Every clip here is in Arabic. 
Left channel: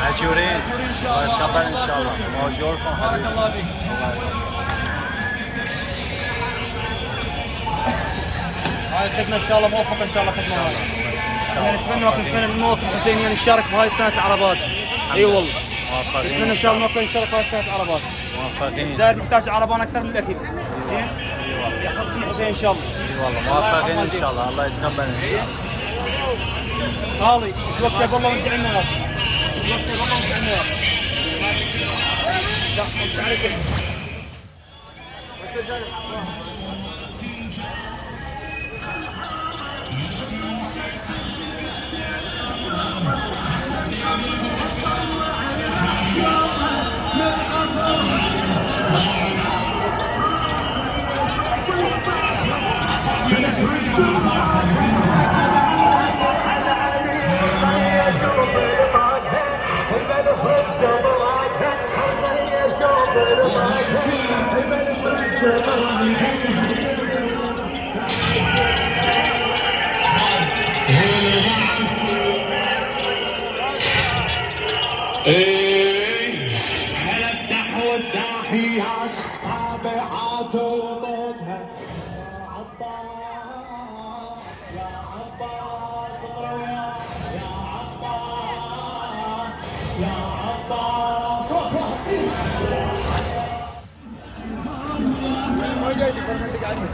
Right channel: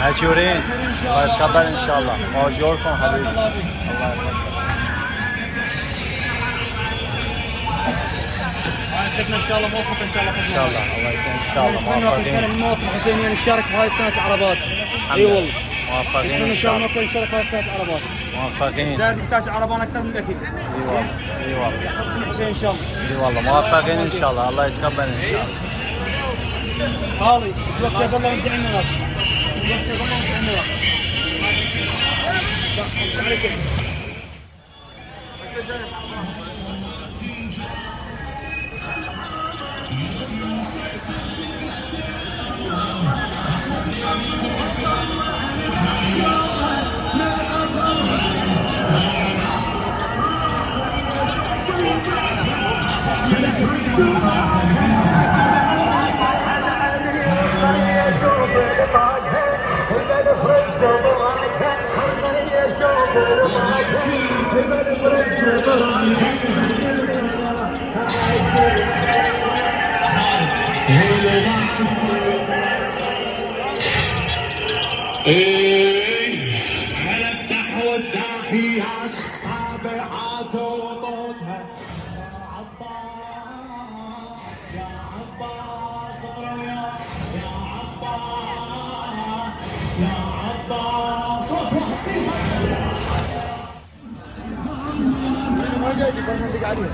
ماجورين الله يتقبل ان شاء الله. ماجوركم حبيبي الله يتقبل. خدمة ان شاء الله موفق ان شاء الله. ان شاء الله الله يسلمك ان شاء الله موفقين. نتمنى المواطن الحسيني نشارك بهاي السنة العربات. اي والله موفقين نتمنى ان شاء الله المواطن يشارك بهاي السنة العربات. موفقين. زاد يحتاج عربان اكثر من الاكل. اي والله اي والله يحفظكم الحسين ان شاء الله. اي والله موفقين ان شاء الله الله يتقبل ان شاء الله. خالي توكل بالله وانت عندنا ناس. توكل بالله وانت عندنا ناس. لا انت عليك. على الدحو الداحيات السابعات وطنها يا عباس يا عباس يا عباس يا قبل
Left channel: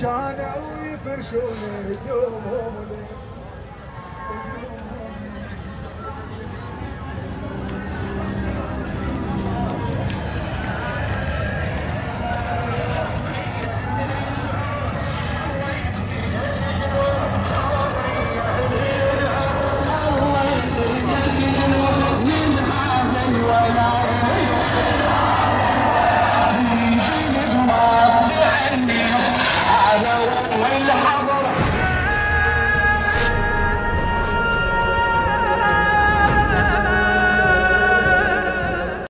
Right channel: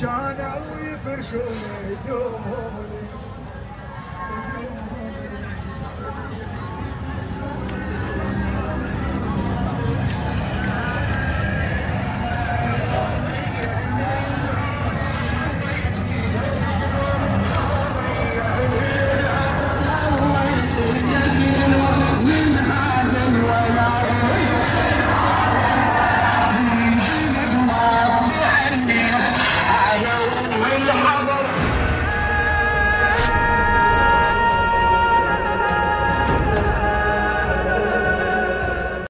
كانوا يفرشون